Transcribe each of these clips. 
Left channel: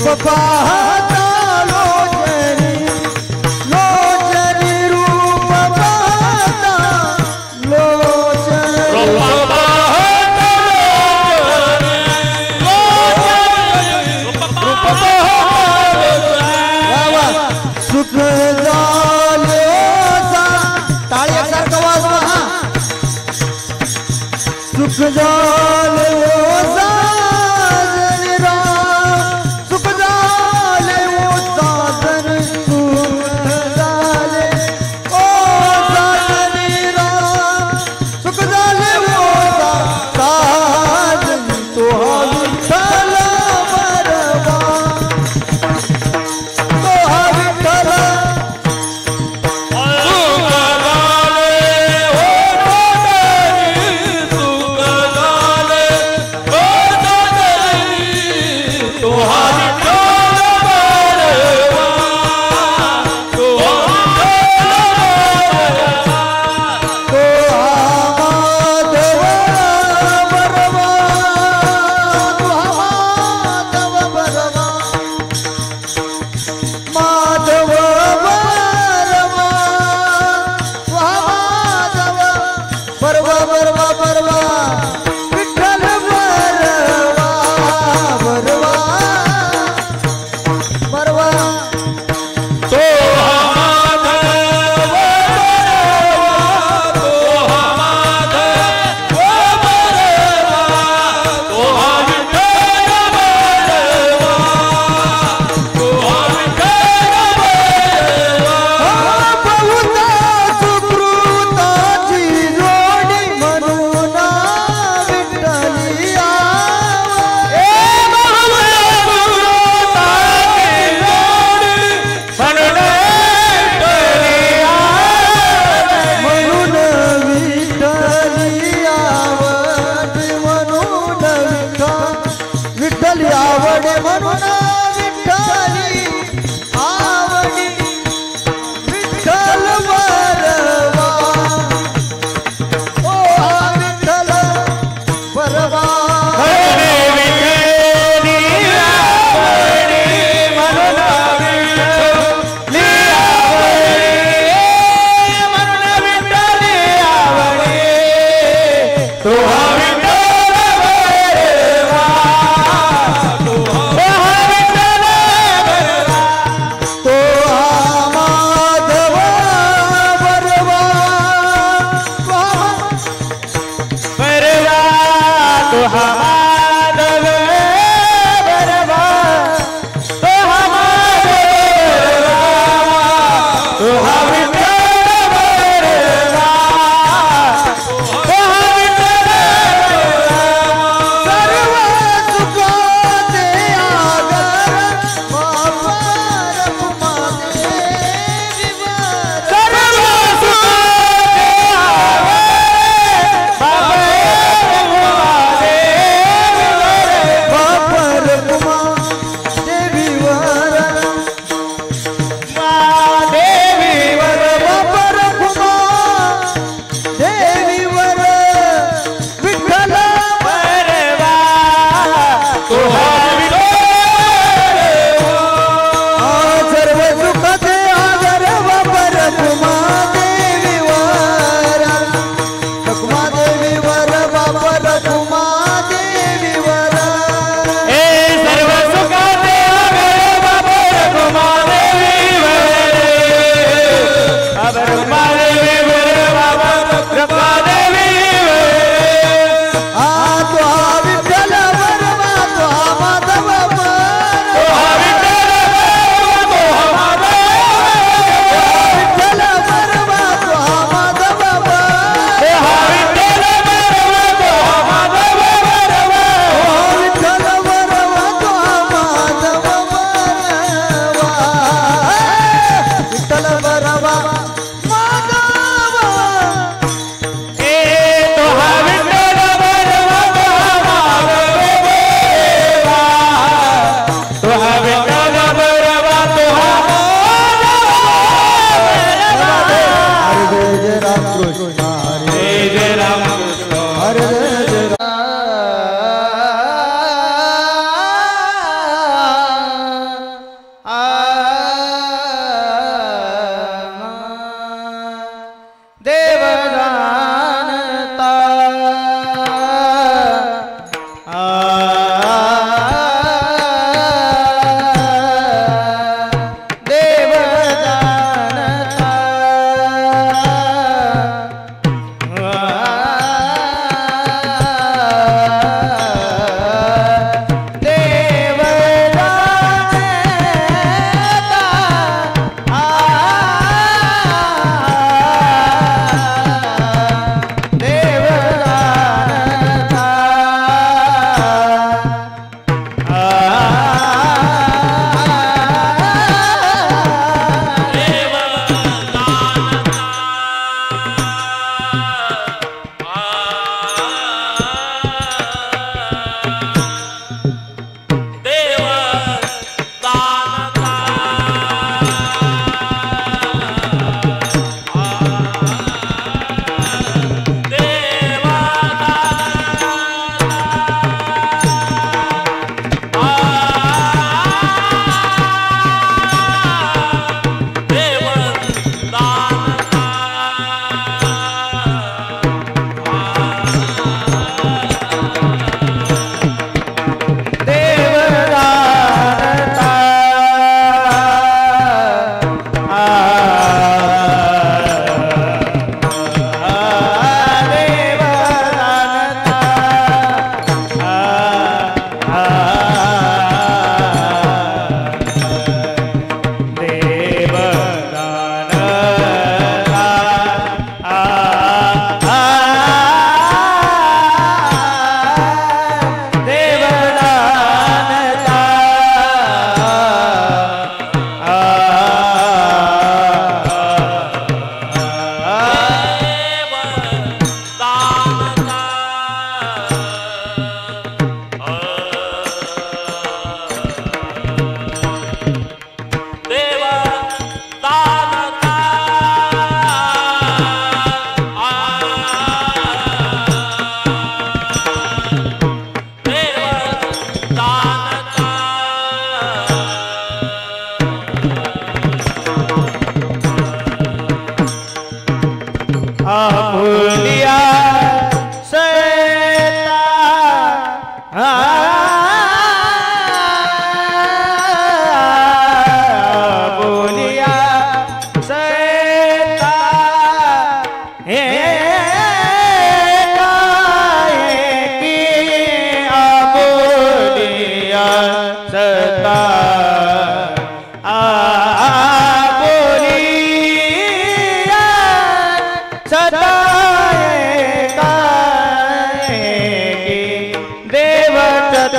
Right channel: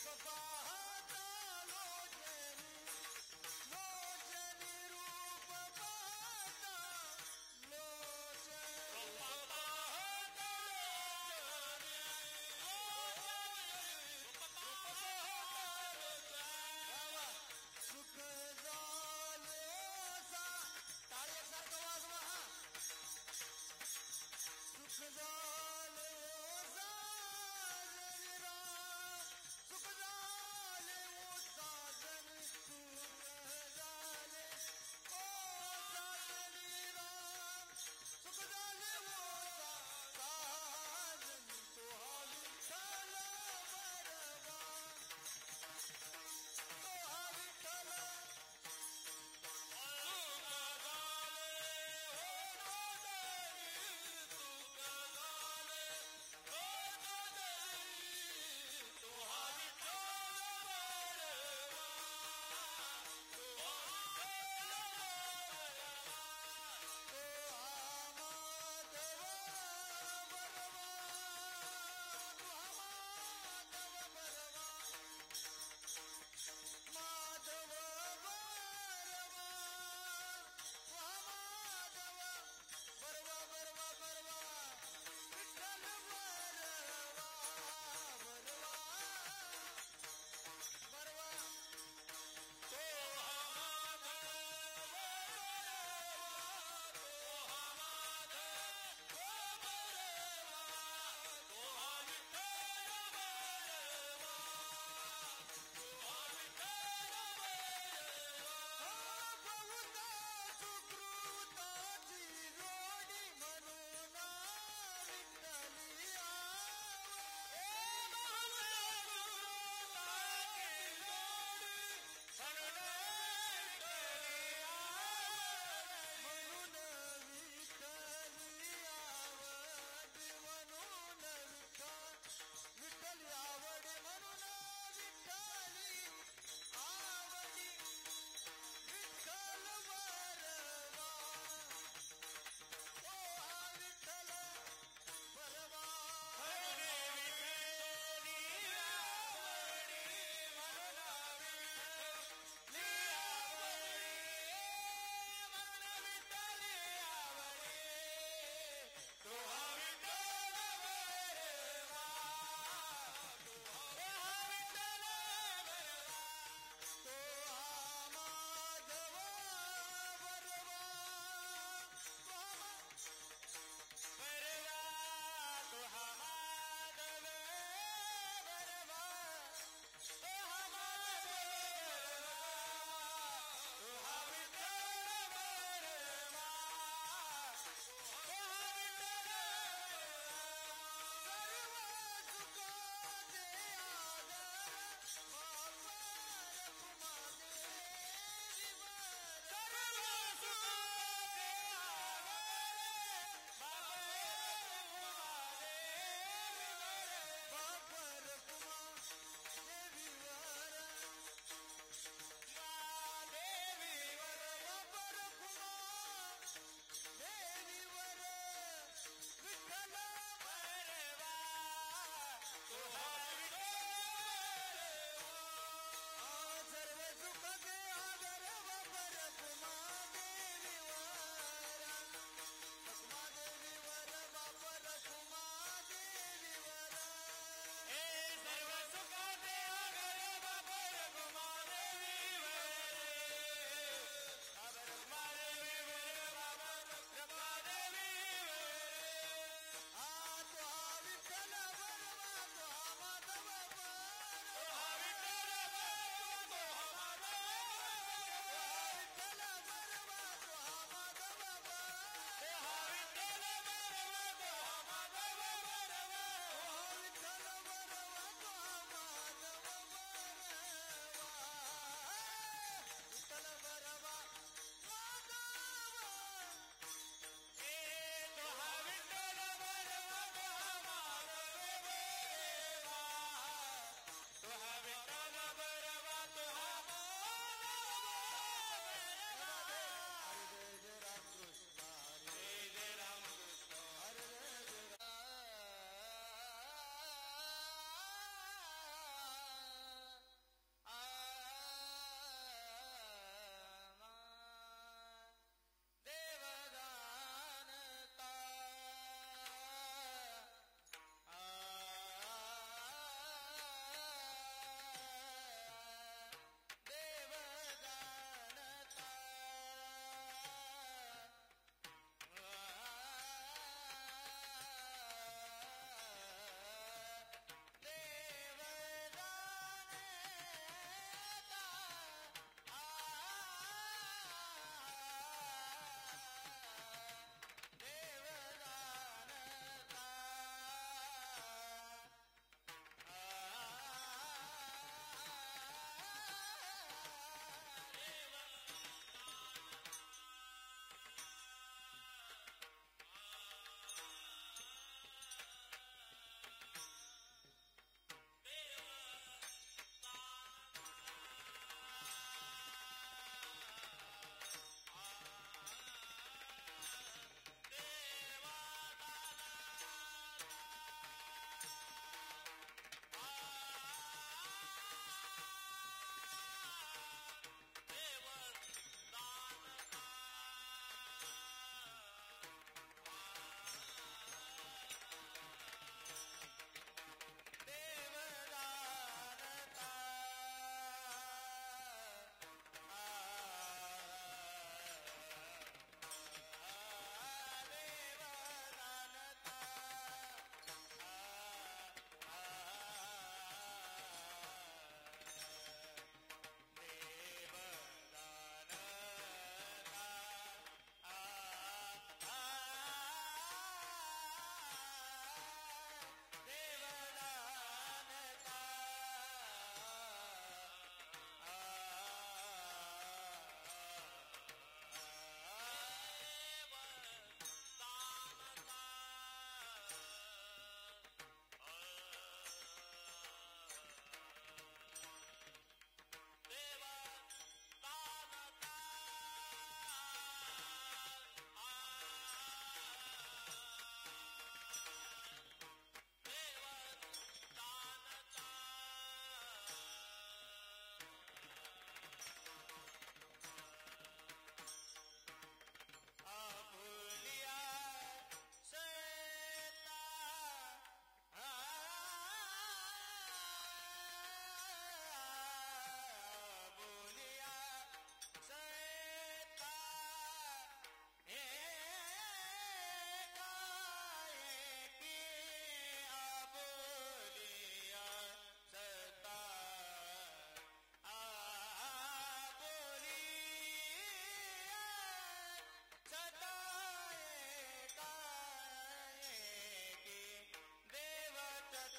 रूप पाहता लोचनी लोचनी रूप पाहता लोचनी रूप पाहता सुख झाले टाळी एकसारखं वाजवा सुख झाले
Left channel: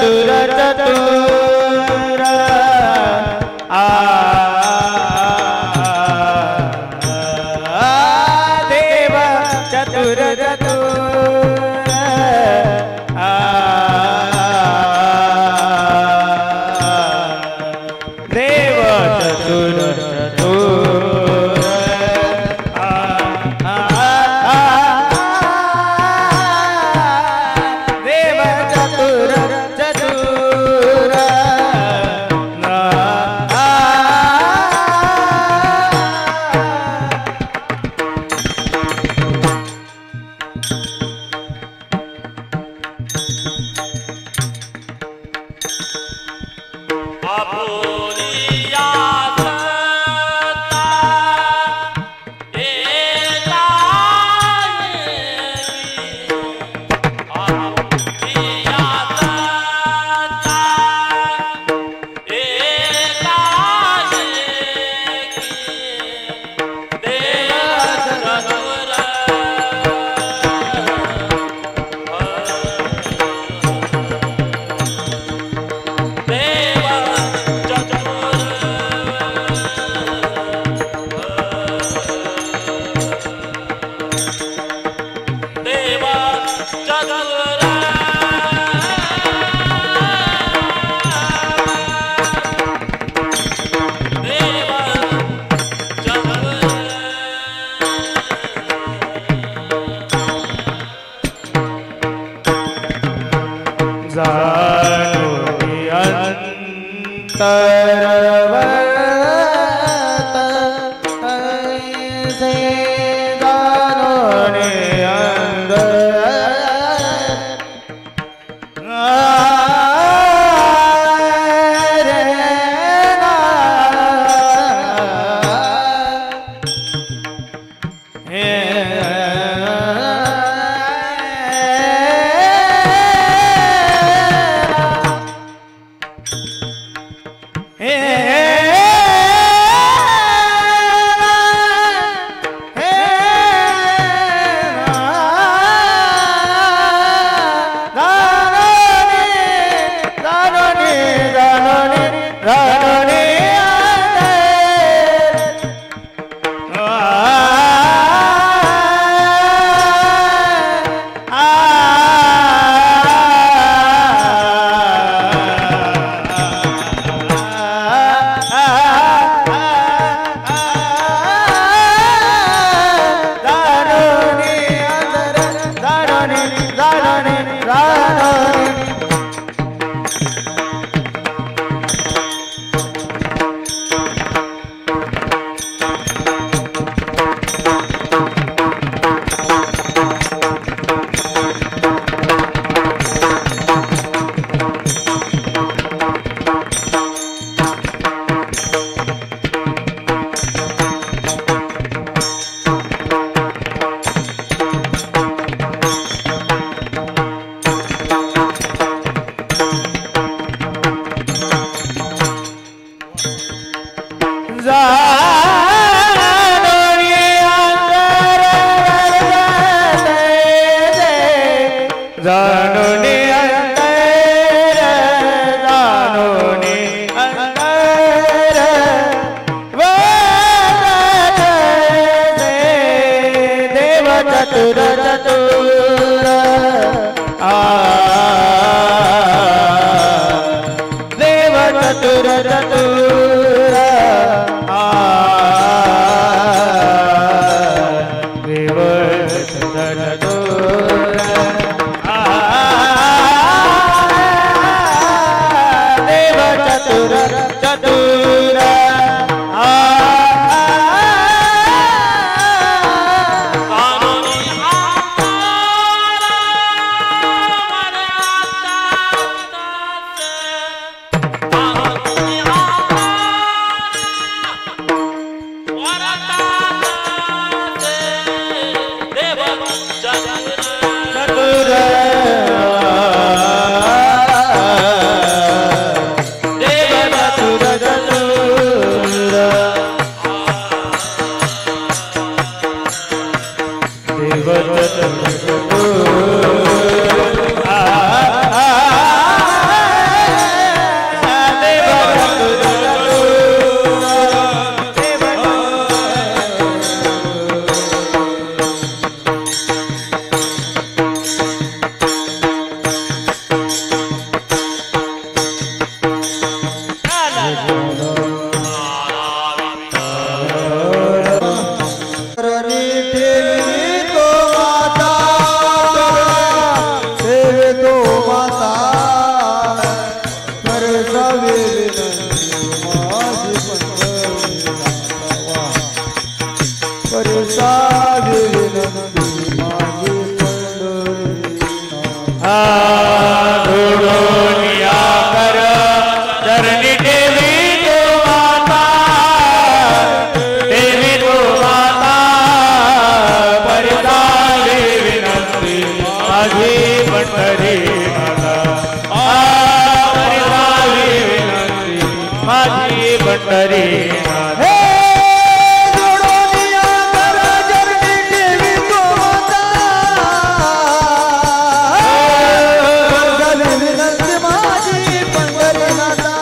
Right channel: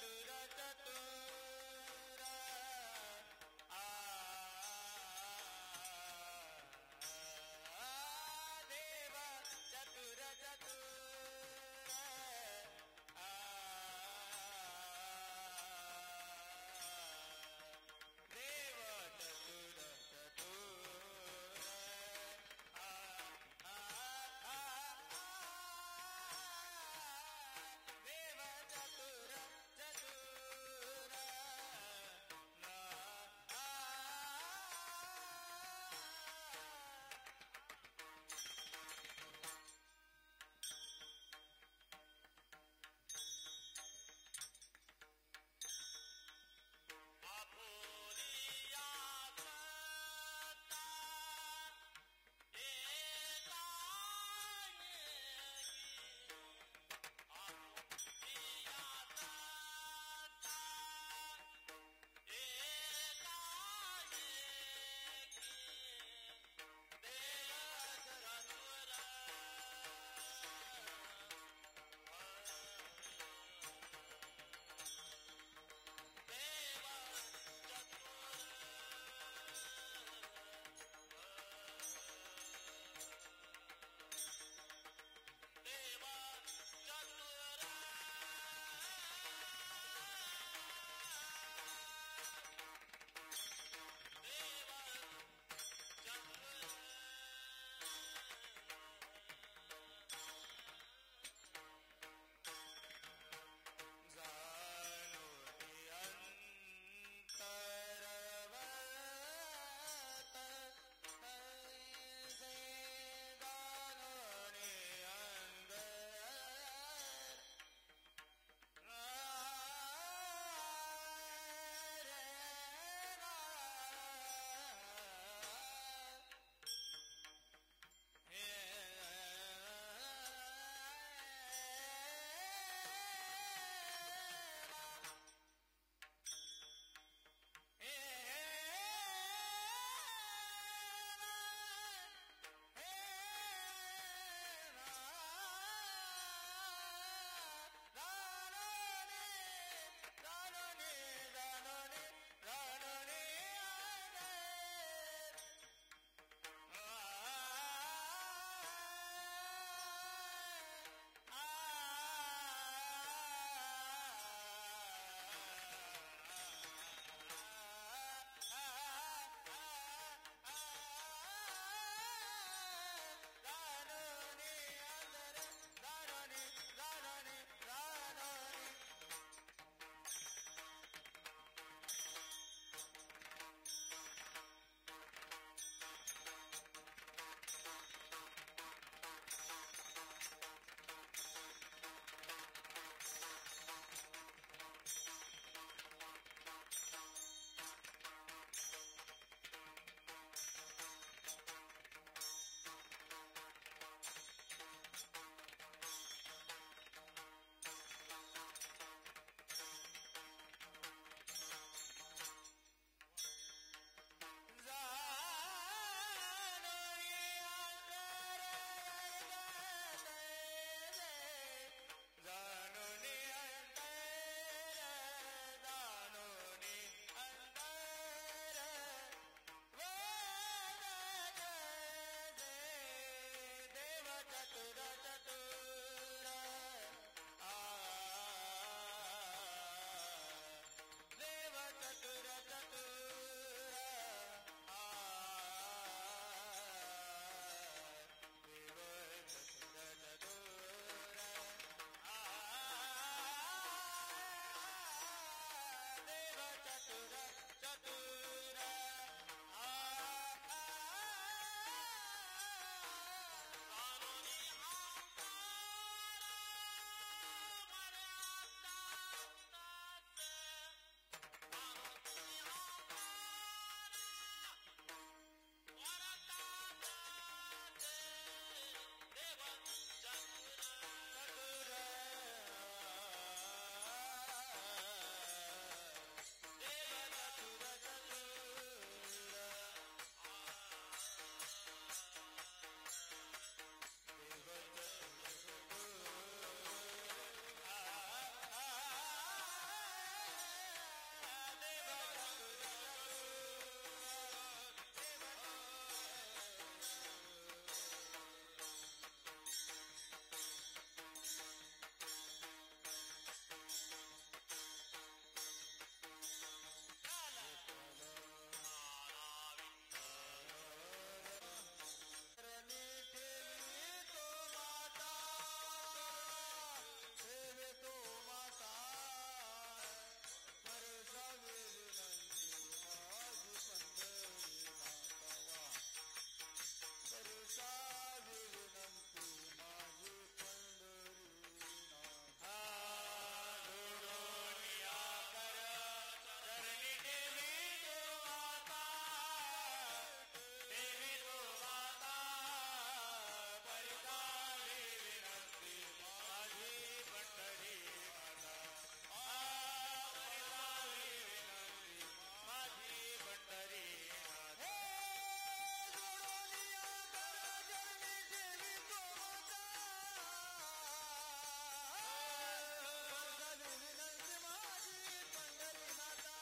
चतुर चतुर देव चतुर चतुर देव चतुर चतुर देव चतुर चतुर देव चतुर माझी पंढरीनाथ हे जोडोनिया करा जरणी देवी गोमाता झाली विनंती माझी पंढरीनाथा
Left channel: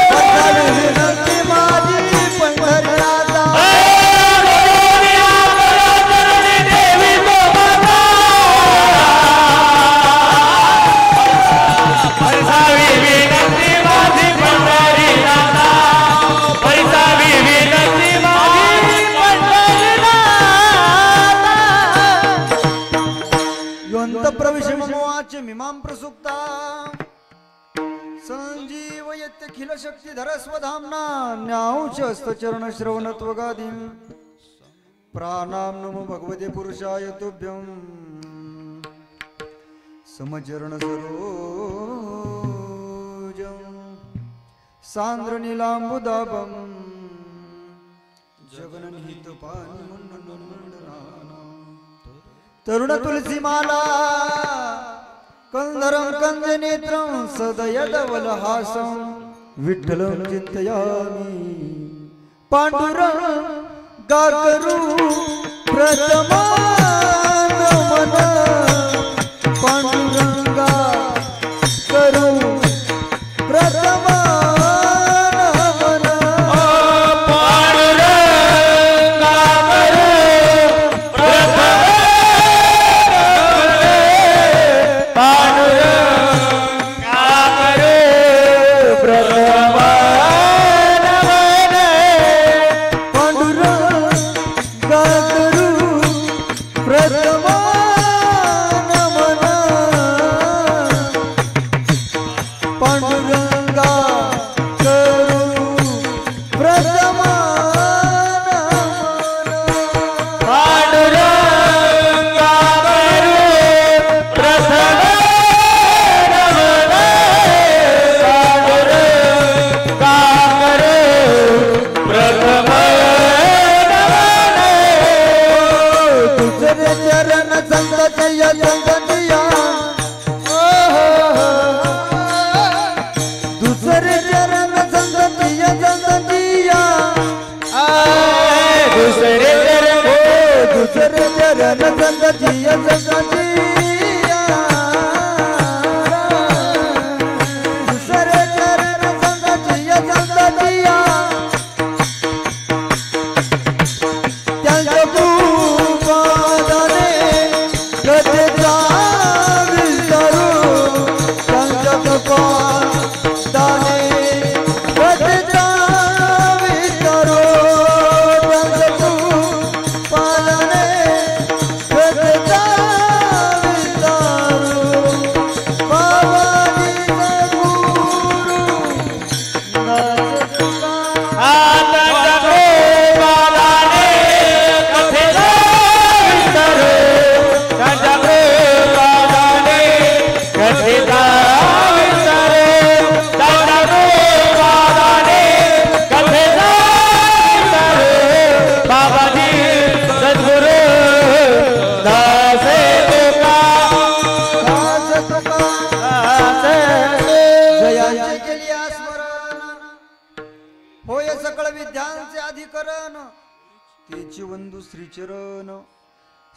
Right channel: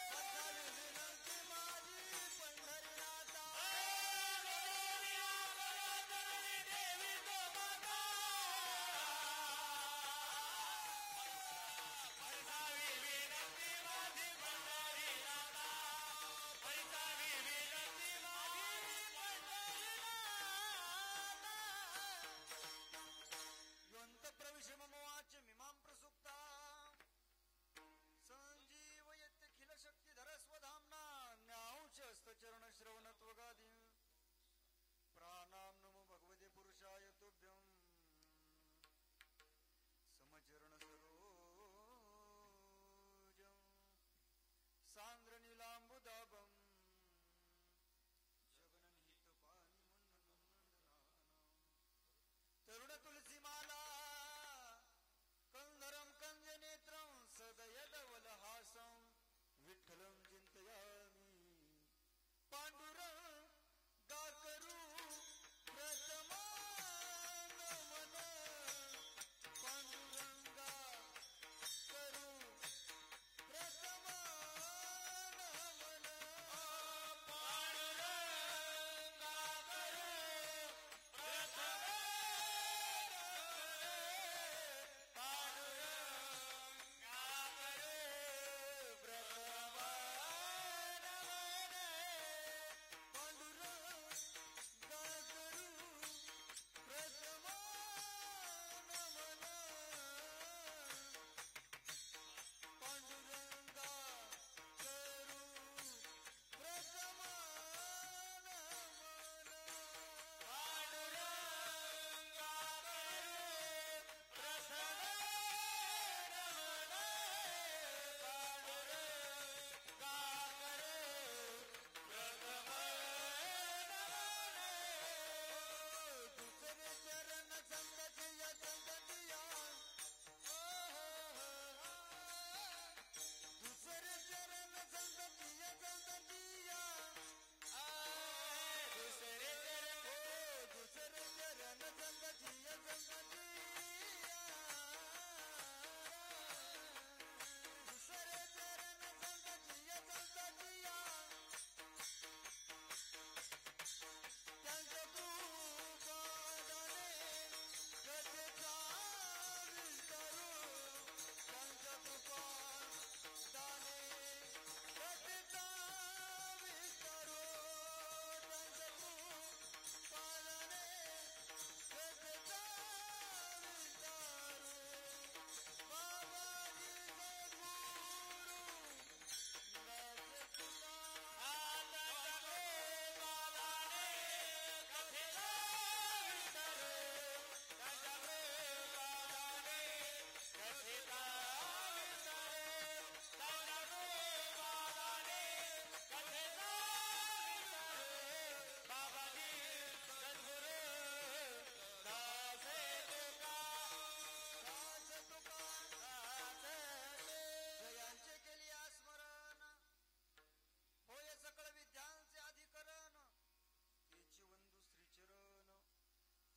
झाली विनंती माझी पंढरीनाथा प्रविशमोवाच मीमां प्रसुप्ता संजीव यत्यखिल शक्तिधर स्वधाम्ना न्याउचस्तचरण श्रवणत्वगादिं प्राणां नमो भगवते पुरुषाय तुभ्यं समचरण सरोजं सांद्र नीलांबुदाभं तरुण तुलसी माला कंधरं कंज नेत्रं सदयदवलहासं विठ्ठलं चिन्तयामि पांडुरंगाकरू प्रथमागमन पांडुरंगा करू प्रथमागमन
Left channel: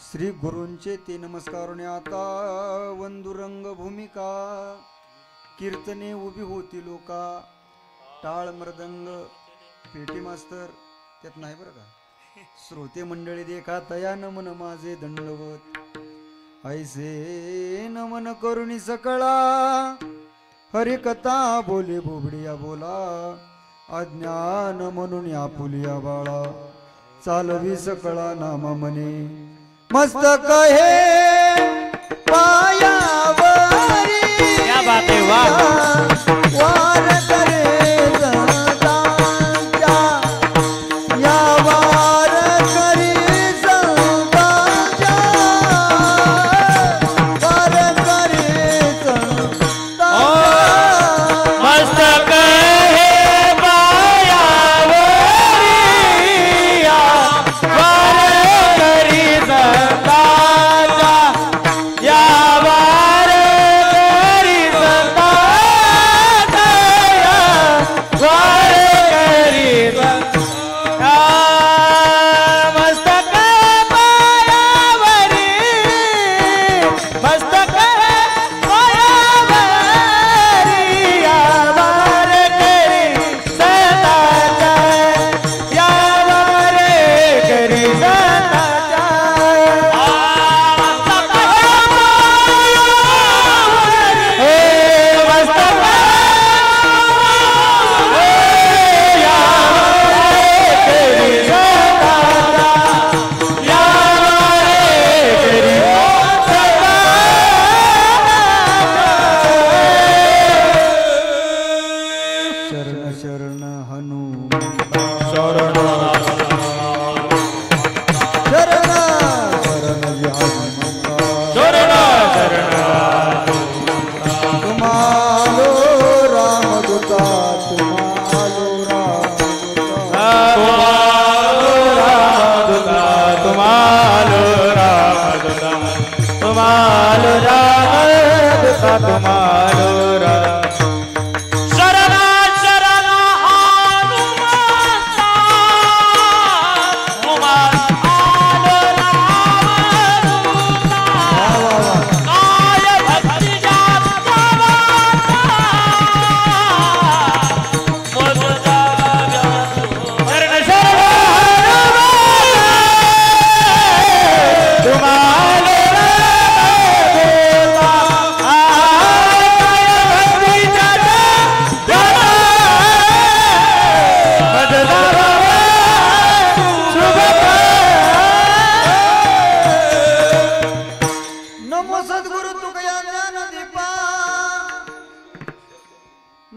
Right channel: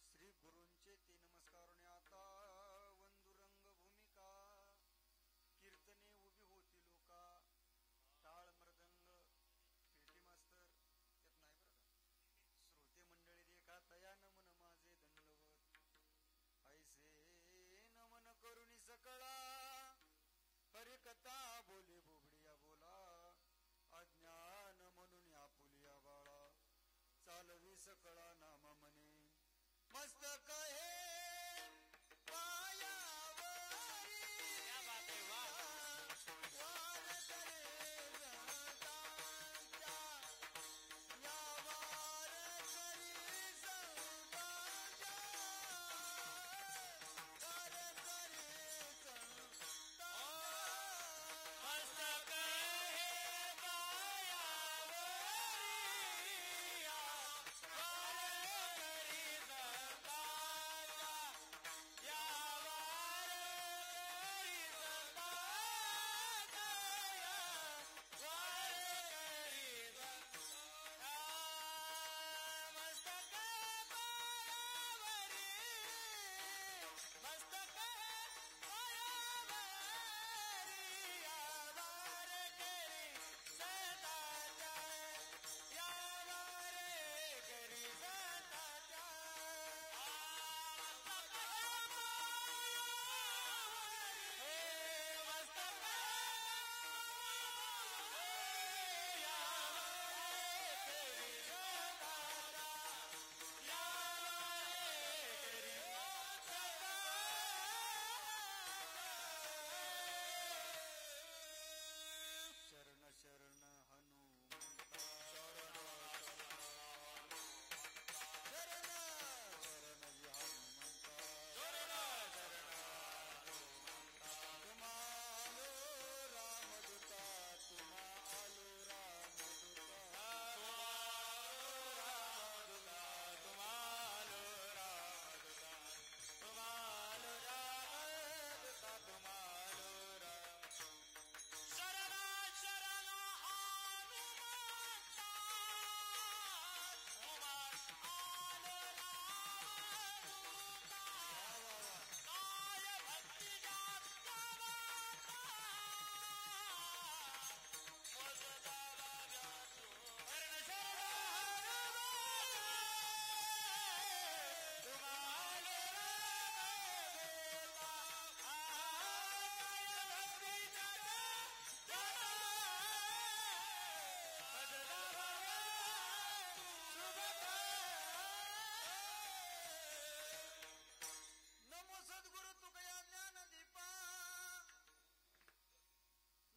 श्री गुरूंचे ते नमस्कारोने आता वंदुरंग भूमिका कीर्तने उभी होती लोका टाळ मृदंग पेटी मास्तर त्यात नाही बरं का श्रोते मंडळी देखा तया नमन माझे दंडवत ऐसे नमन करुणी सकळा हरिकथा बोले बोबडिया बोला अज्ञान म्हणून आपुलिया बाळा चालवी सकळा नामा मने मस्तक हे पायावरी क्या बात है वाह वार करे संतांच्या या वार करी संतांच्या वार करी संतांच्या मस्तक हे पायावरिया वार करी संतांच्या या वार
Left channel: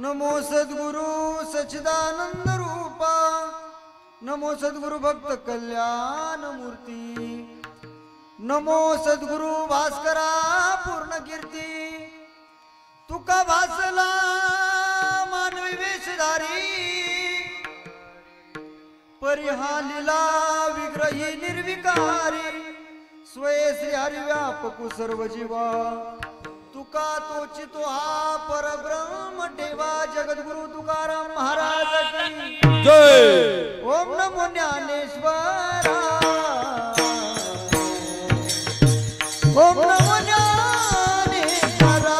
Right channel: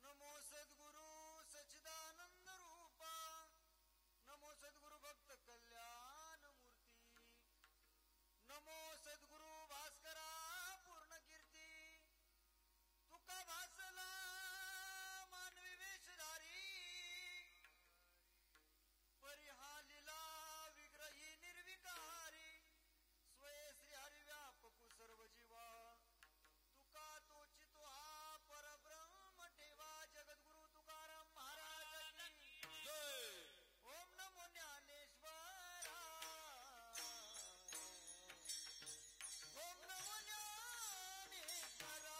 नमो सद्गुरु सच्चिदानंद रूपा नमो सद्गुरु भक्त कल्याण मूर्ती नमो सद्गुरु भास्करा पूर्ण कीर्ती तुका भासला मानवी वेशधारी परिहालीला विग्रही निर्विकारी स्वये श्री हरी व्यापकु सर्व जीवा तुका तोची तो हा परब्रह्म देवा जगद्गुरु तुकाराम महाराज की जय. ओम नमो ज्ञानेश्वरा ओम नमो ज्ञानेश्वरा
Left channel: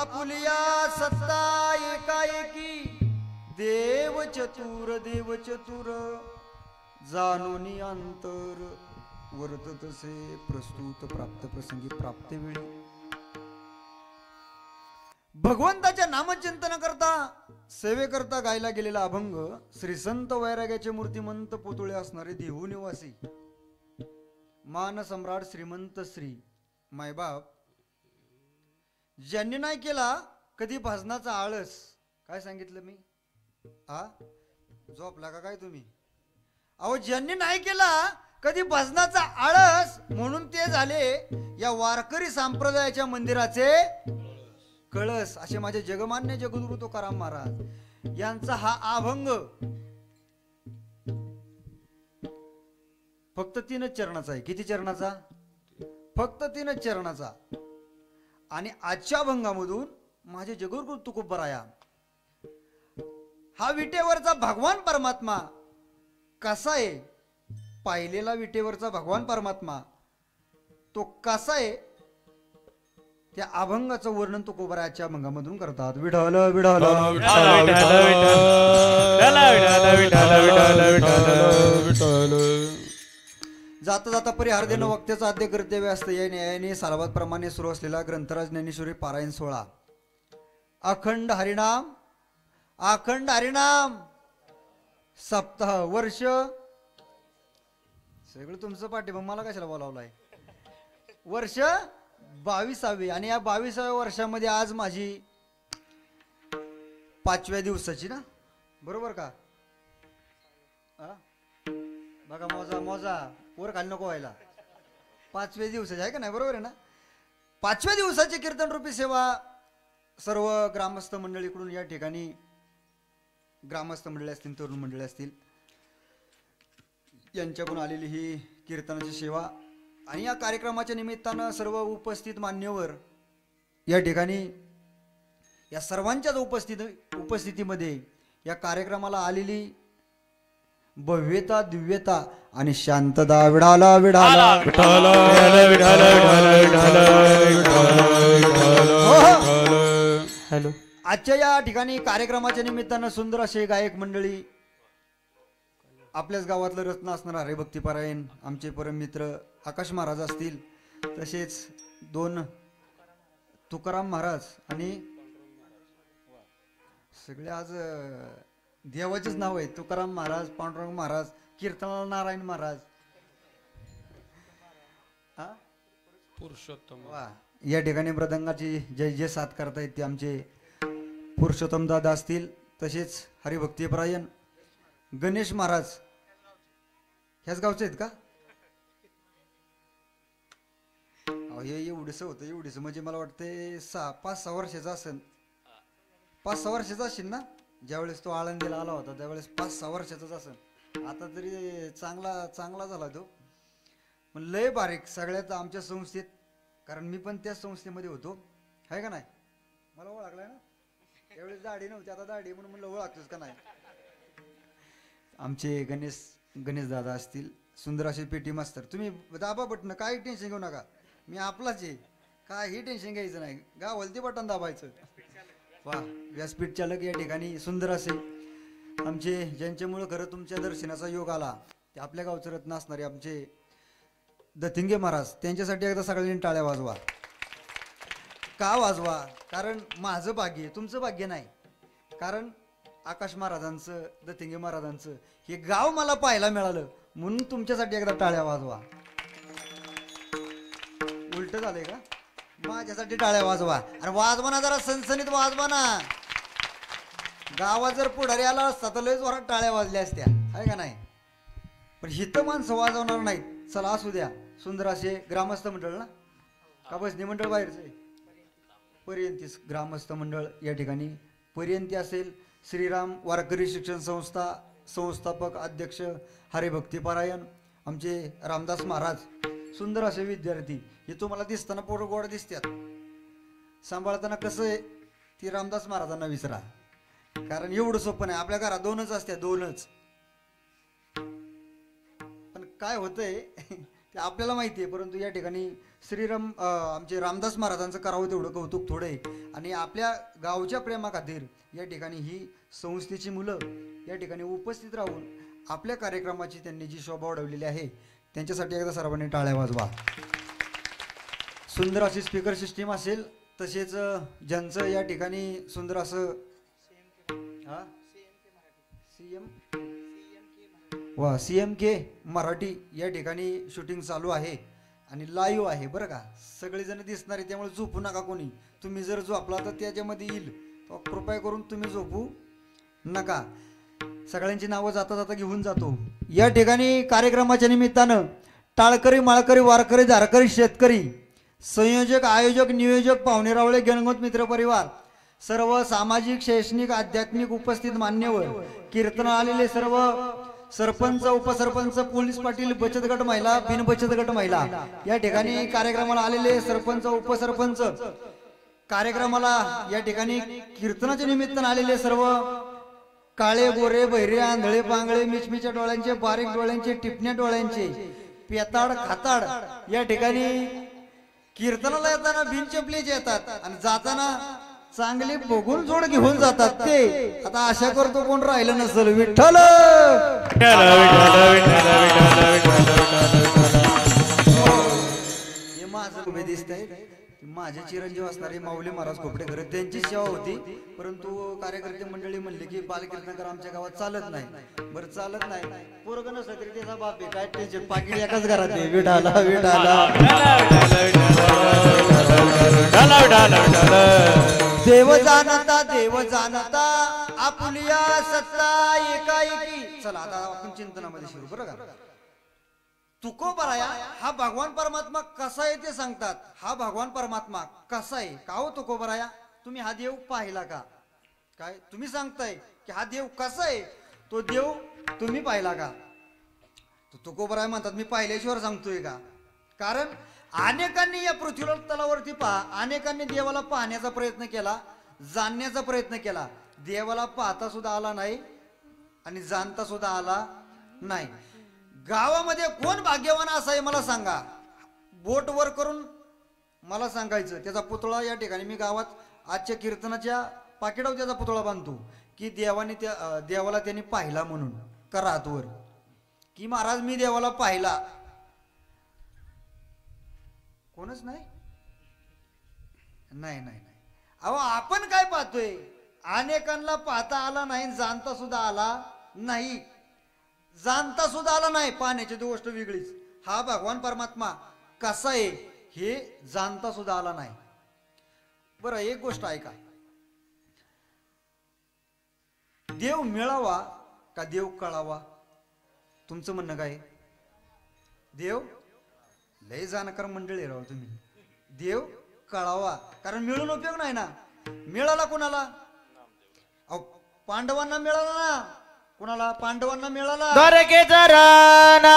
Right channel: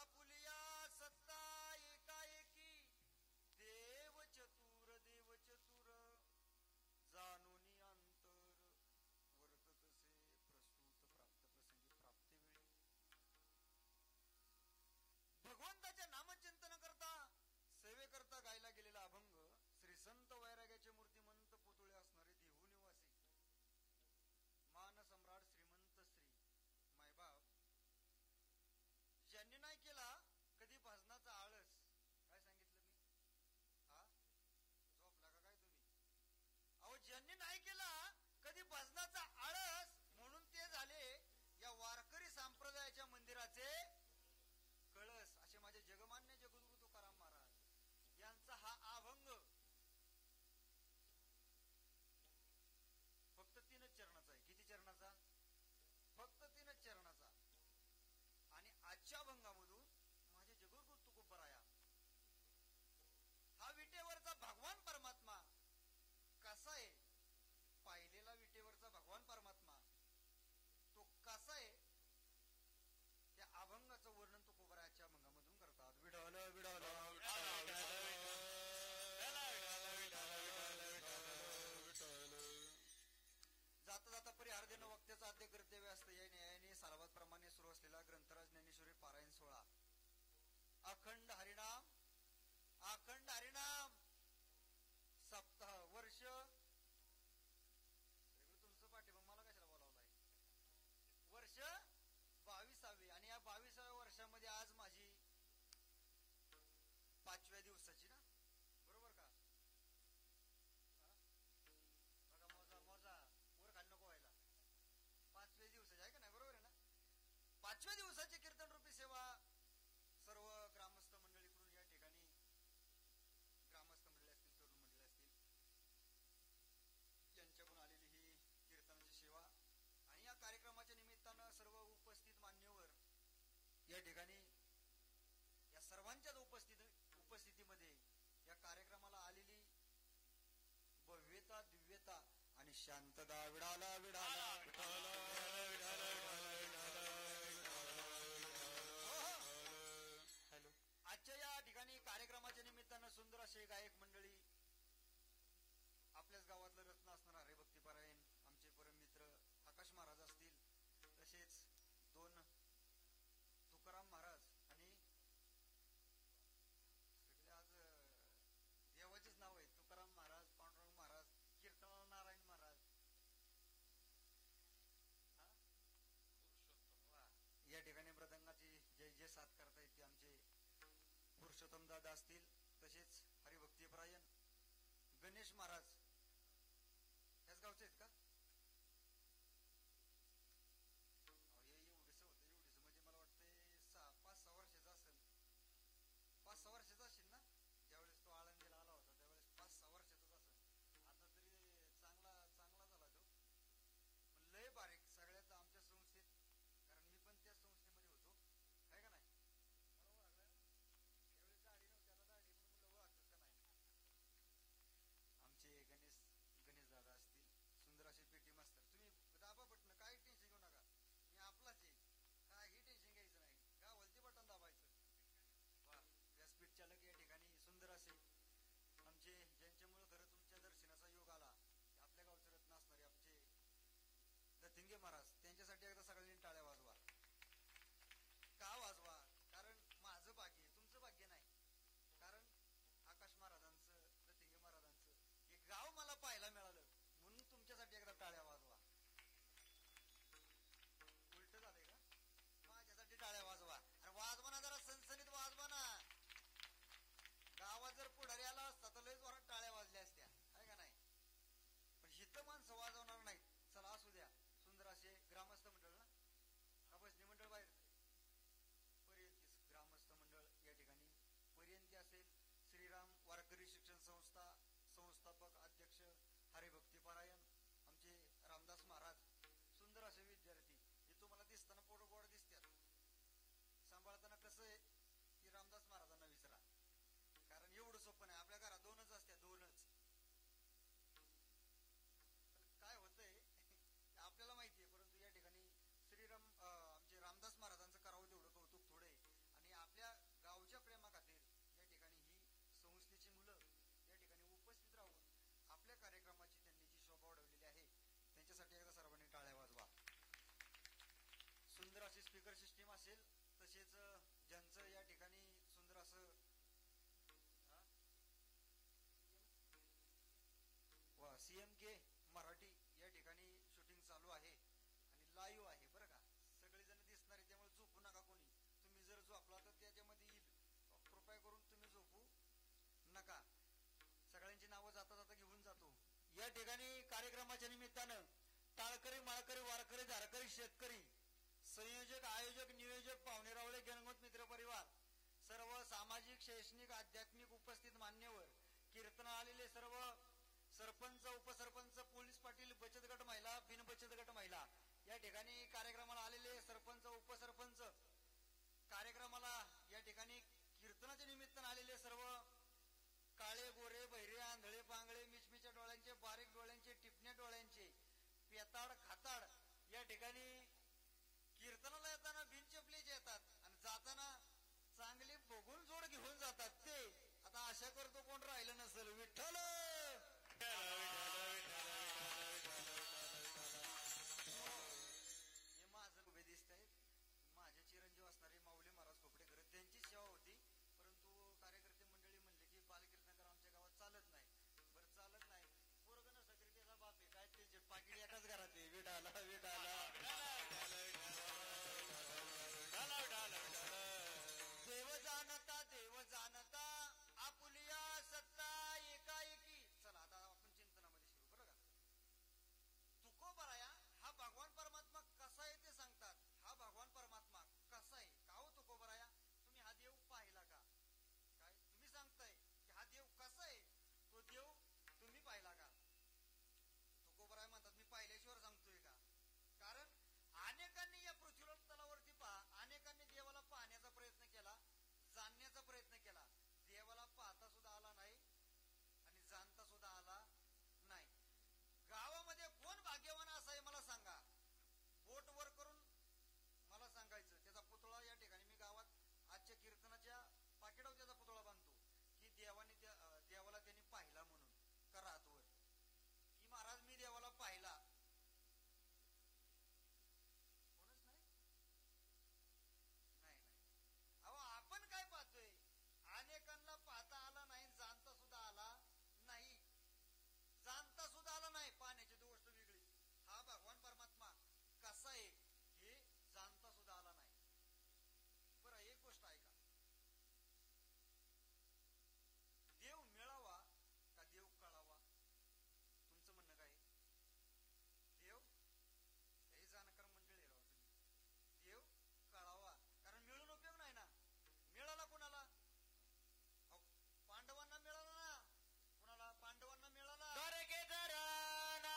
आपुलिया सत्ता एकाएकी देव चतुर जाणूनी अंतर वर्तत से प्रस्तुत प्राप्त प्रसंगी प्राप्त वेळी भगवंताच्या नामचिंतन करता सेवेकरता गायला गेलेला अभंग श्री संत वैराग्याचे मूर्तिमंत पुतळे असणारे देहू निवासी मान सम्राट श्रीमंत श्री मायबाप ज्यांनी नाही केला कधी भजनाचा आळस काय सांगितलं मी आ झोपला का काय तुम्ही अहो ज्यांनी नाही केला कधी भजनाचा आळस म्हणून ते झाले या वारकरी संप्रदायाच्या मंदिराचे कळस असे माझे जगमान्य जगद्गुरु तुकाराम महाराज यांचा हा अभंग फक्त 3च चरणाचा आहे किती चरणाचा फक्त 3च चरणाचा आणि आजच्या अभंगामधून माझे जगद्गुरु तुकोबराया हा विटेवरचा भगवान परमात्मा कसा आहे पाहिलेला विटेवरचा भगवान परमात्मा तो कसा आहे त्या अभंगाचं वर्णन तुकोबरायाच्या अभंगामधून करतात विठ्ठल विठ्ठल जाता जाता परिहार देणं वक्त्याचं आद्य कर्तव्य असतं या न्यायाने सालाबाद प्रमाणे सुरू असलेला ग्रंथराज ज्ञानेश्वरी पारायण 16 अखंड हरिनाम सप्ताह वर्ष सगळं तुमचं पाठी मग मला कशाला बोलावलंय वर्ष 22वे आणि या 22व्या वर्षामध्ये आज माझी 5व्या दिवसाची ना बरोबर का बघा मोजा वर खाली नको व्हायला 5व्या दिवसाची आहे का नाही बरोबर आहे ना 5व्या दिवसाची कीर्तन रूपी सेवा सर्व ग्रामस्थ मंडळीकडून या ठिकाणी ग्रामस्थ मंडळी असतील तरुण मंडळी असतील यांच्याकडून आलेली ही कीर्तनाची सेवा आणि या कार्यक्रमाच्या निमित्तानं सर्व उपस्थित मान्यवर या ठिकाणी या सर्वांच्याच उपस्थितीमध्ये या कार्यक्रमाला आलेली भव्यता दिव्यता आणि शांतता विढाला विढाला हॅलो आजच्या या ठिकाणी कार्यक्रमाच्या निमित्तानं सुंदर असे गायक मंडळी आपल्याच गावातलं रत्न असणार हरिभक्तीपरायण आमचे परममित्र आकाश महाराज असतील, तसेच 2 तुकाराम महाराज आणि सगळे आज देवाचेच नाव आहे. तुकाराम महाराज, पांडुरंग महाराज, कीर्तनाला नारायण महाराज. हा? पुरुषोत्तम वा. या ठिकाणी मृदंगाची जय जय साथ करतायत ते आमचे पुरुषोत्तम दादा असतील, तसेच हरिभक्तीपरायण गणेश महाराज. ह्याच गावचे आहेत का? हे एवढंसं होतं, एवढंसं म्हणजे मला वाटतं 5-6 वर्षाचा असेल. 5-6 वर्षाचा असेल ना, ज्यावेळेस तो आळंदीला आला होता त्यावेळेस 5-6 वर्षाचाच असेल. आता तरी चांगला चांगला झाला तो, पण लय बारीक सगळ्यात आमच्या संस्थेत, कारण मी पण त्याच संस्थेमध्ये होतो, आहे का नाही? मला ओळखलाय ना, त्यावेळेस दाढी नव्हती, आता दाढी म्हणून म्हणलं ओळखतोच का नाही. आमचे गणेश दादा असतील, सुंदर असे पेटी मास्तर. तुम्ही दाबा बटन, काही टेन्शन घेऊ नका, मी आपलाच आहे, काही टेन्शन घ्यायचं नाही, गावलती बटन दाबायचं. वा. व्यासपीठ चालक या ठिकाणी सुंदर असे आमचे, ज्यांच्यामुळं खरं तुमच्या दर्शनाचा योग आला, ते आपल्या गावचं रत्न असणारे आमचे दथिंगे महाराज. त्यांच्यासाठी एकदा सगळ्यांनी टाळ्या वाजवा. का वाजवा? कारण माझं भाग्य, तुमचं भाग्य नाही. कारण आकाश महाराजांचं, दथिंगे महाराजांचं हे गाव मला पाहायला मिळालं, म्हणून तुमच्यासाठी एकदा टाळ्या वाजवा. उलट झालंय का? माझ्यासाठी टाळ्या वाजवा. अरे वाजवा ना, जरा सणसणीत वाजवा ना. गावात जर पुढारी आला असता तर लय जोरात टाळ्या वाजल्या असत्या, आहे का नाही? पण हिथं माणसं वाजवणार नाहीत. चला असू द्या. सुंदर असे ग्रामस्थ मंडळ ना, का बसणी मंडळ बाहेरचं? पर्यंती ग्रामस्थ मंडळ या ठिकाणी. पर्यंती असेल श्रीराम वारकरी शिक्षण संस्था, संस्थापक अध्यक्ष हरिभक्तीपरायण आमचे रामदास महाराज. सुंदर असे विद्यार्थी. हे तुम्हाला दिसताना पोरं गोड दिसतात, सांभाळताना कसं आहे ती रामदास महाराजांना विसरा, कारण एवढं सोपं नाही. आपल्या घरात 2च असत्या, 2च. पण काय होतंय ते आपल्याला माहिती आहे, परंतु या ठिकाणी श्रीराम आमचे रामदास महाराजांचं करावं तेवढं कौतुक थोडं आहे. आणि आपल्या गावच्या प्रेमाखातीर या ठिकाणी ही संस्थेची मुलं या ठिकाणी उपस्थित राहून आपल्या कार्यक्रमाची त्यांनी जी शोभा वाढवलेली आहे, त्यांच्यासाठी एकदा सर्वांनी टाळ्या वाजवा. सुंदर अशी स्पीकर सिस्टीम असेल, तसेच ज्यांचं या ठिकाणी सुंदर असं CMK मराठी या ठिकाणी शूटिंग चालू आहे आणि लाईव्ह आहे बरं का. सगळेजण दिसणार आहे, त्यामुळे झोपू नका कोणी. तुम्ही जर झोपला तर त्याच्यामध्ये येईल, तो कृपया करून तुम्ही झोपू नका. सगळ्यांची नावं जाता जाता घेऊन जातो. या ठिकाणी कार्यक्रमाच्या निमित्तानं टाळकरी, माळकरी, वारकरी, धारकरी, शेतकरी, संयोजक, आयोजक, नियोजक, पाहुणेरावळे, गणगोत मित्र परिवार, सर्व सामाजिक, शैक्षणिक, आध्यात्मिक उपस्थित मान्यवर, कीर्तन आलेले सर्व सरपंच, उपसरपंच, पोलीस पाटील, बचत गट महिला, बिन बचत गट महिला, या ठिकाणी कार्यक्रमाला आलेले सरपंच, उपसरपंच, कार्यक्रमाला या ठिकाणी कीर्तनाच्या निमित्तानं आलेले सर्व काळे, गोरे, बहिरे, आंधळे, पांगळे, मिचमिच्या डोळ्यांचे, बारीक डोळ्यांचे, टिपण्या डोळ्यांचे, पेताड, खाताड या ठिकाणी कीर्तनाला येताना बिनचपलीचे येतात आणि जाताना चांगली बघून जोड घेऊन जातात. ते आता आशा करतो कोण राहिलं नसेल. विठ्ठल हे माझं उभे दिसत आहे. माझे चिरंजीव असणारे माऊली महाराज खोपडेकर, त्यांची सेवा होती, परंतु कार्यकर्ते मंडळी म्हणले की बालकीर्तनकर आमच्या गावात चालत नाही. बरं चालत नाही, पोरगं नसलं तरी त्याचा बाप आहे, काय टेन्शन, पाकिट एकाच घरात आहे. विठाला विठाला देव जाणता आपुलिया सत्ता एकाएकी. चला आता आपण चिंतनामध्ये शिरू बरं का. तुकोबराया हा भगवान परमात्मा कसा आहे ते सांगतात. हा भगवान परमात्मा कसा आहे का हो तुकोबराया? तुम्ही हा देव पाहिला का? काय तुम्ही सांगताय की हा देव कसा आहे? तो देव तुम्ही पाहिला का? तुकोबराया म्हणतात मी पाहिल्याशिवाय सांगतोय का? कारण अनेकांनी या पृथ्वी तलावरती अनेकांनी देवाला पाहण्याचा प्रयत्न केला, जाणण्याचा प्रयत्न केला. देवाला पाहता सुद्धा आला नाही आणि जाणता सुद्धा आला नाही. गावामध्ये कोण भाग्यवान असा आहे मला सांगा. बोट वर करून मला सांगायचं. त्याचा पुतळा या ठिकाणी मी गावात आजच्या कीर्तनाच्या पाकिटावर त्याचा पुतळा बांधतो की देवाला त्यांनी पाहिला म्हणून. करा हातवर की महाराज मी देवाला पाहिला. कोणच नाही. नाही नाही नाही अहो आपण काय पाहतोय, अनेकांना पाहता आला नाही, जाणता सुद्धा आला नाही. जाणता सुद्धा आला नाही पाहण्याची ती गोष्ट वेगळीच. हा भगवान परमात्मा कसा आहे हे जाणता सुद्धा आला नाही. बरं एक गोष्ट ऐका, देव मिळावा का देव कळावा? तुमचं म्हणणं काय? देव लय जाणकार मंडळी राव तुम्ही. देव कळावा, कारण मिळून उपयोग नाही ना. मिळाला कोणाला? अहो पांडवांना मिळाला ना. कोणाला? पांडवांना मिळाला. द्वारकेचा राणा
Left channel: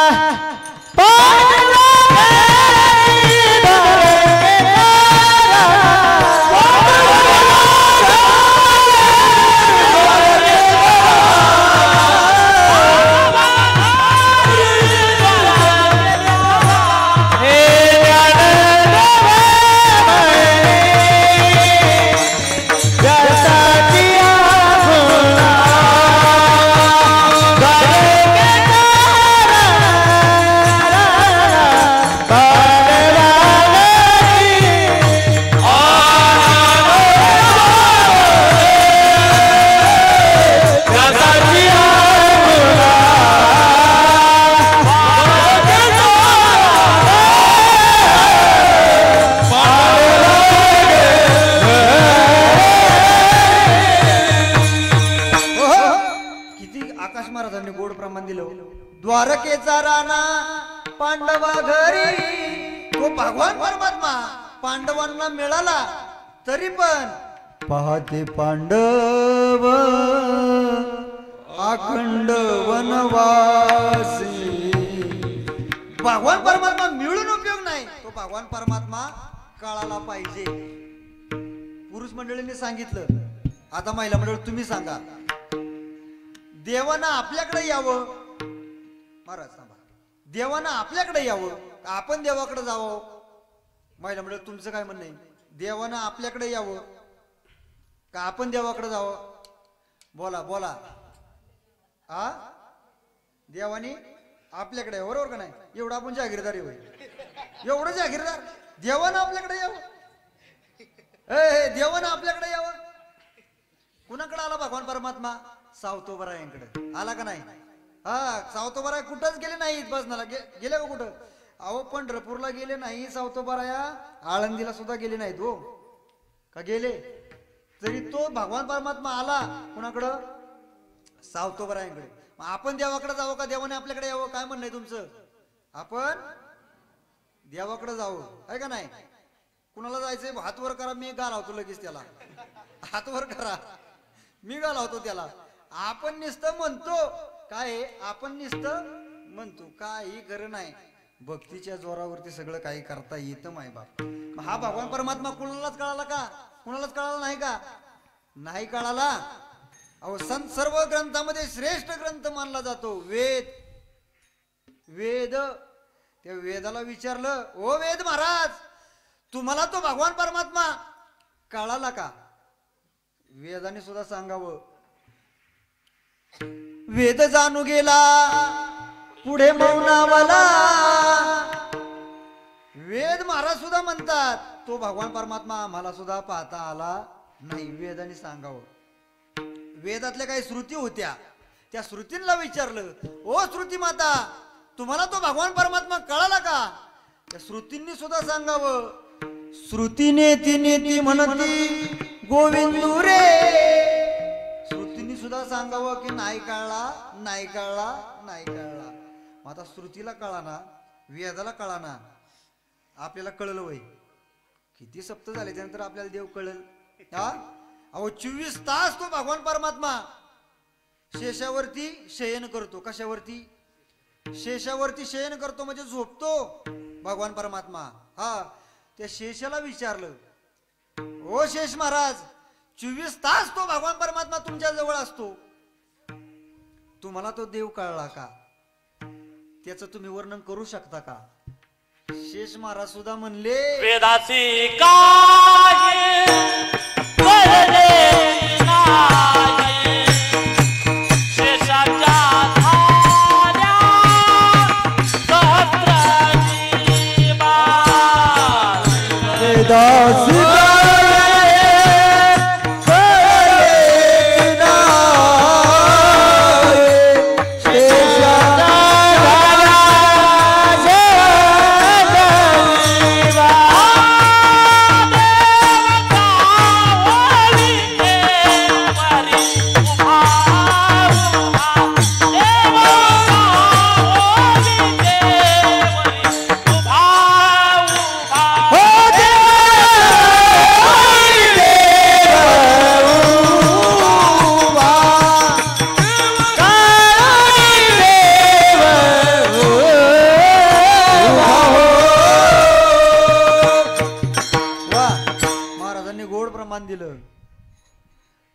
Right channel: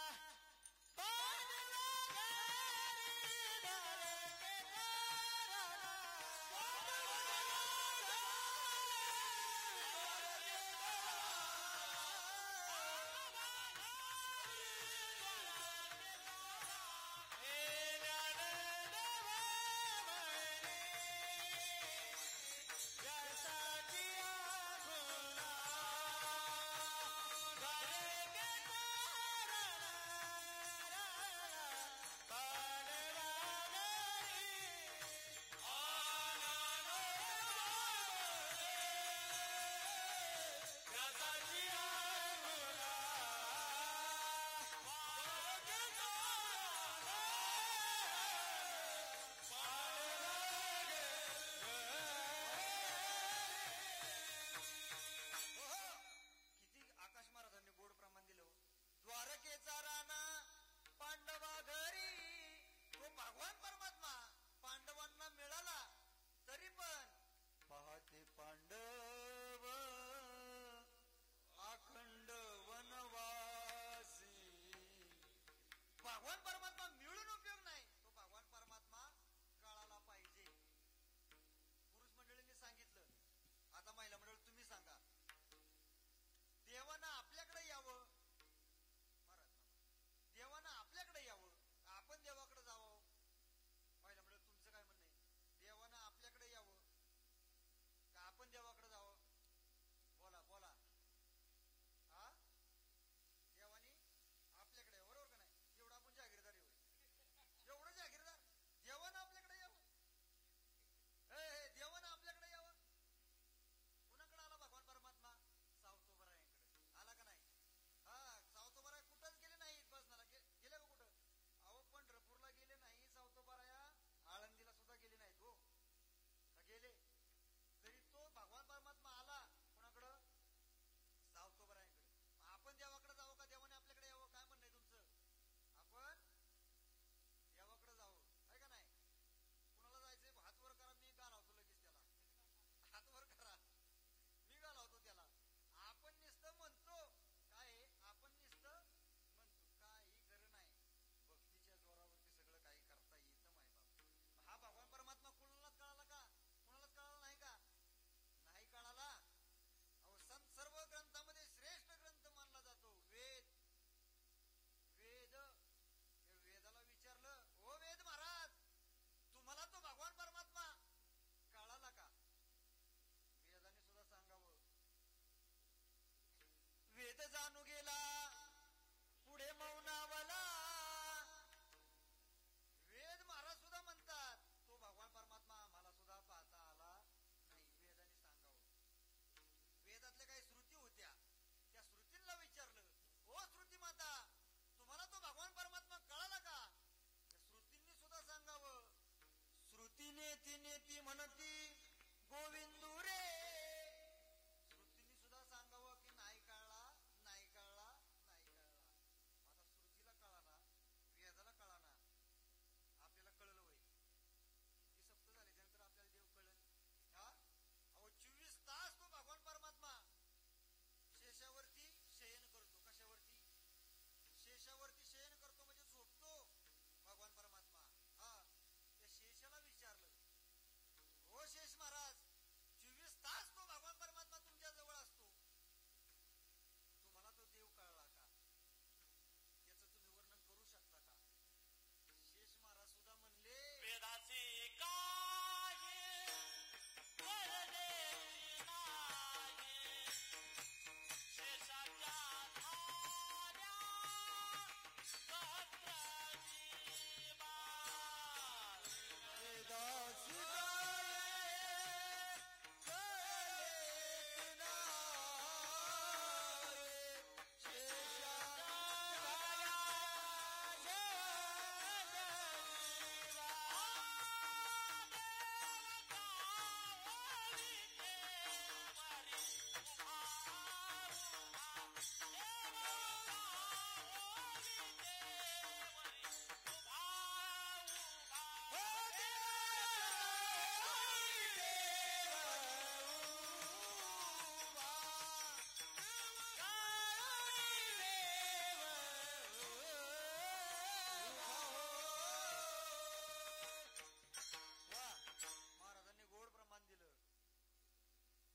द्वारकेचा राणा पांडवा घरी. तो भगवान परमात्मा पांडवांना मिळाला, तरी पण पाहते पांडव अखंड वनवासी. भगवान परमात्मा मिळून उपयोग नाही, तो भगवान परमात्मा कळाला पाहिजे. पुरुष मंडळींनी सांगितलं, आता महिला मंडळ तुम्ही सांगा. देवानं आपल्याकडे यावं. महाराज सांगा, देवानं आपल्याकडे यावं, आपण देवाकडे जावं? महिला मंडळ तुमचं काय म्हणणं आहे? देवानं आपल्याकडे यावं का आपण देवाकडे जावं? बोला बोला. हा, देवानी आपल्याकडे यावं, बरोबर का नाही? एवढं आपण जागीरदार होय, एवढं जागीरदार. देवानं आपल्याकडे यावं, देवानं आपल्याकडे यावं. कुणाकडे आला भगवान परमात्मा? सावतोबरायांकडे आला का नाही? हा, सावतोबराय कुठंच गेले नाहीत बसनाला. गेले का कुठं? अहो पंढरपूरला गेले नाही सावतोबराया, आळंदीला सुद्धा गेले नाहीत हो का? गेले. तरी तो भगवान परमात्मा आला कुणाकडं? सावतोबरायांकडे. आपण देवाकडे जावं का देवाने आपल्याकडे यावं? काय म्हणणं आहे तुमचं? आपण देवाकडे जावं आहे का नाही? कुणाला जायचंय? हात वर करा, मी घालावतो लगेच त्याला. हात वर करा, मी घालावतो त्याला. आपण नुसतं म्हणतो काय? आपण नुसतं म्हणतो, काही खरं नाही. भक्तीच्या जोरावरती सगळं काही करता येतं माय बाप. हा भगवान परमात्मा कुणालाच कळाला का? कुणालाच कळाला नाही का? नाही कळाला. अहो संत सर्व ग्रंथामध्ये श्रेष्ठ ग्रंथ मानला जातो वेद. वेद, त्या वेदाला विचारलं, ओ वेद महाराज, तुम्हाला तो भगवान परमात्मा कळाला का? वेदाने सुद्धा सांगावं. वेद जाणू गेला पुढे मौनावाला. वेद महाराज सुद्धा म्हणतात तो भगवान परमात्मा आम्हाला सुद्धा पाहता आला नाही. वेदाने सांगावं. वेदातल्या काही श्रुती होत्या, त्या श्रुतींना विचारलं, ओ श्रुती माता, तुम्हाला तो भगवान परमात्मा कळाला का? त्या श्रुतींनी सुद्धा सांगावं. श्रुतीने ती म्हणती गोविंदू रे. श्रुतींनी सुद्धा सांगावं की नाही कळला, नाही कळला, नाही कळला. आता श्रुतीला कळा ना, वेदाला कळा ना, आपल्याला कळलं वय. किती सप्त झाले त्यानंतर आपल्याला देव कळल? हा, अहो 24 तास तो भगवान परमात्मा शेषावरती शयन करतो. कशावरती? शेषावरती शयन करतो म्हणजे झोपतो भगवान परमात्मा. हा, त्या शेषाला विचारलं, ओ शेष महाराज, 24 तास तो भगवान परमात्मा तुमच्या जवळ असतो, तुम्हाला तो देव कळला का? त्याचं तुम्ही वर्णन करू शकता का? शेष महाराज सुद्धा म्हणले, वेदासी काय वरदे नाही, शेषाच्या धाऱ्या दासी दिलं.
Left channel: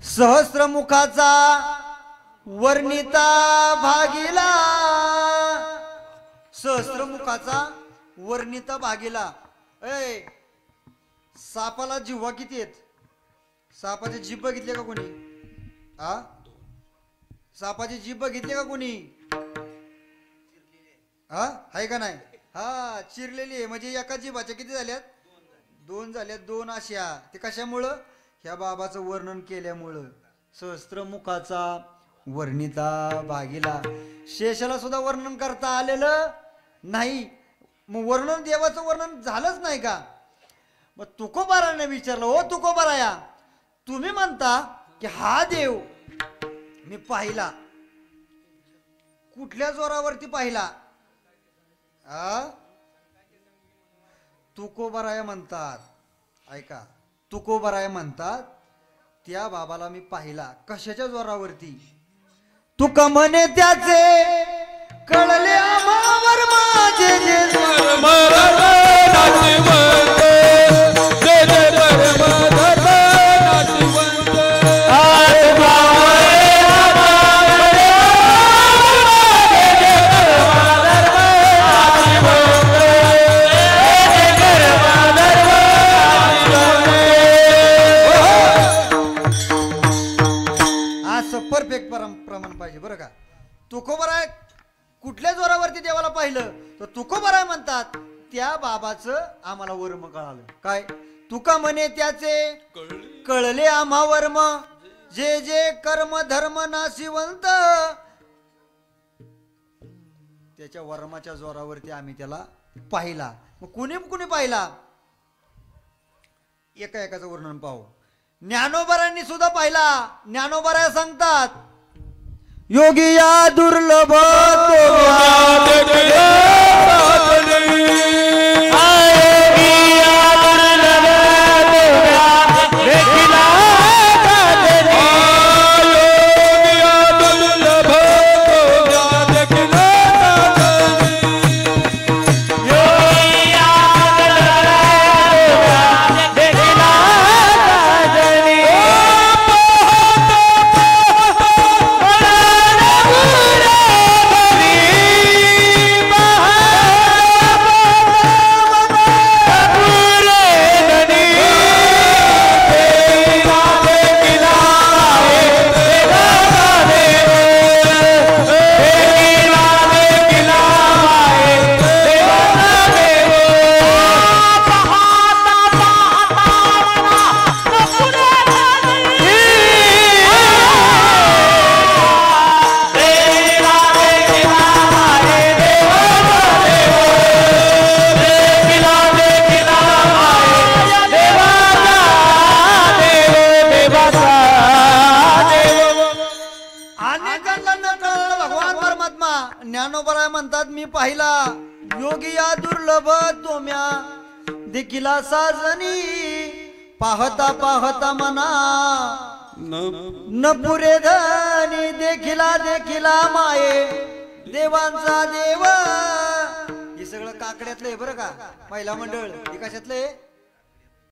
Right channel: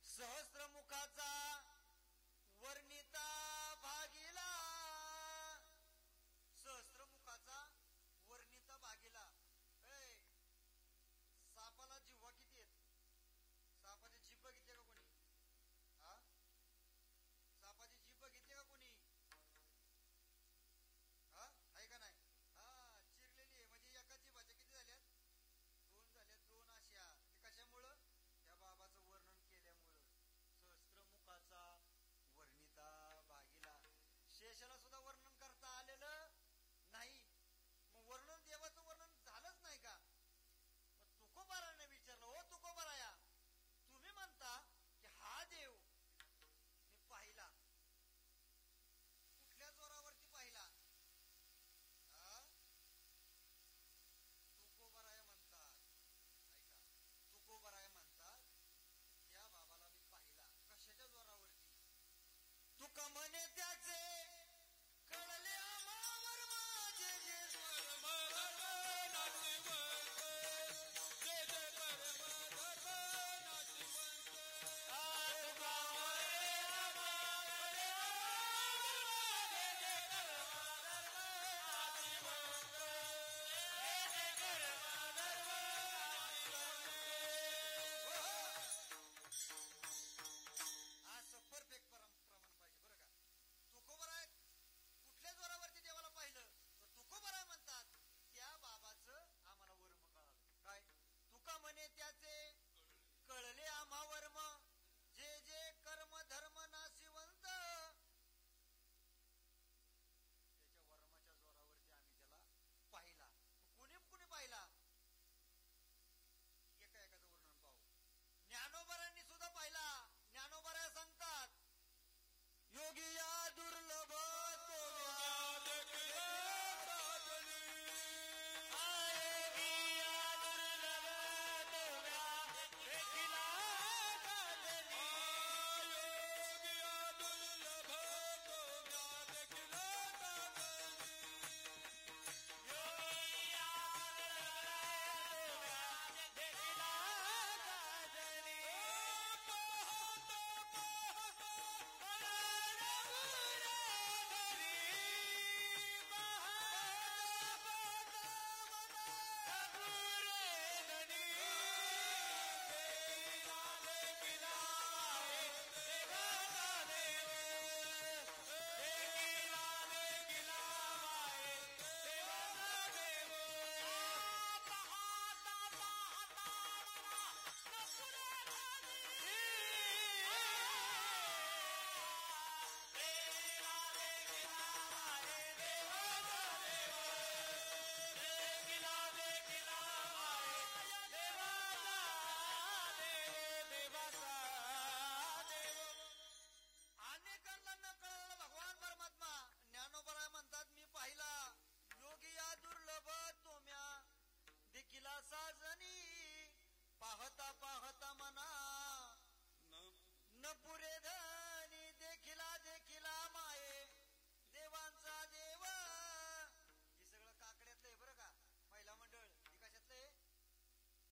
सहस्त्रमुखाचा वर्णिता भागीला, सहस्त्रमुखाचा वर्णिता भागीला. सापाला जिव्हा किती आहेत? सापाचे जीभ बघितले का कोणी? आ सापाची जीभ बघितली का कोणी? हा आहे का नाही? हा चिरलेली आहे. म्हणजे एका जीभाच्या किती झाल्यात? दोन झाल्यात. दोन अशा. ते कशामुळं? ह्या बाबाचं वर्णन केल्यामुळं. सहस्त्रमुखाचा वर्णिता भागीला. शेषाला सुद्धा वर्णन करता आलेलं नाही. मग वर्णन देवाचं वर्णन झालंच नाही का? मग तुकोबाराने विचारलं, ओ तुकोबाराया, तुम्ही म्हणता की हा देव मी पाहिला, कुठल्या जोरावरती पाहिला? तुकोबाराया म्हणतात, ऐका, तुकोबाराया म्हणतात त्या बाबाला मी पाहिला. कशाच्या जोरावरती? तुका म्हणे त्याचे कळले आम्हावर माझे जे परफेक्ट प्रमाण पाहिजे बरं का. तुकोबाराय कुठल्या जोरावरती देवाला पाहिलं? तर तुकोबाराय म्हणतात त्या बाबाचं आम्हाला वर्म कळालं. काय? तुका म्हणे त्याचे कळले आम्हा वर्म जे जे कर्म धर्म नाशिवंत. त्याच्या वर्माच्या जोरावरती आम्ही त्याला पाहिला. मग कुणी कुणी पाहिला? एका एकाचं वर्णन पाहू. ज्ञानोबारांनी सुद्धा पाहिला. ज्ञानोबाराय सांगतात, योगी या दुर्लभ ज्ञानोबाराय म्हणतात मी पाहिला. योगी या दुर्लभ तोम्या देखिला साजनी पाहता पाहता मना न पुरे धनी देखिला देखिला माये देवांचा देव. हे सगळं काकड्यातलं आहे बरं का. महिला मंडळ हे कशातलं आहे?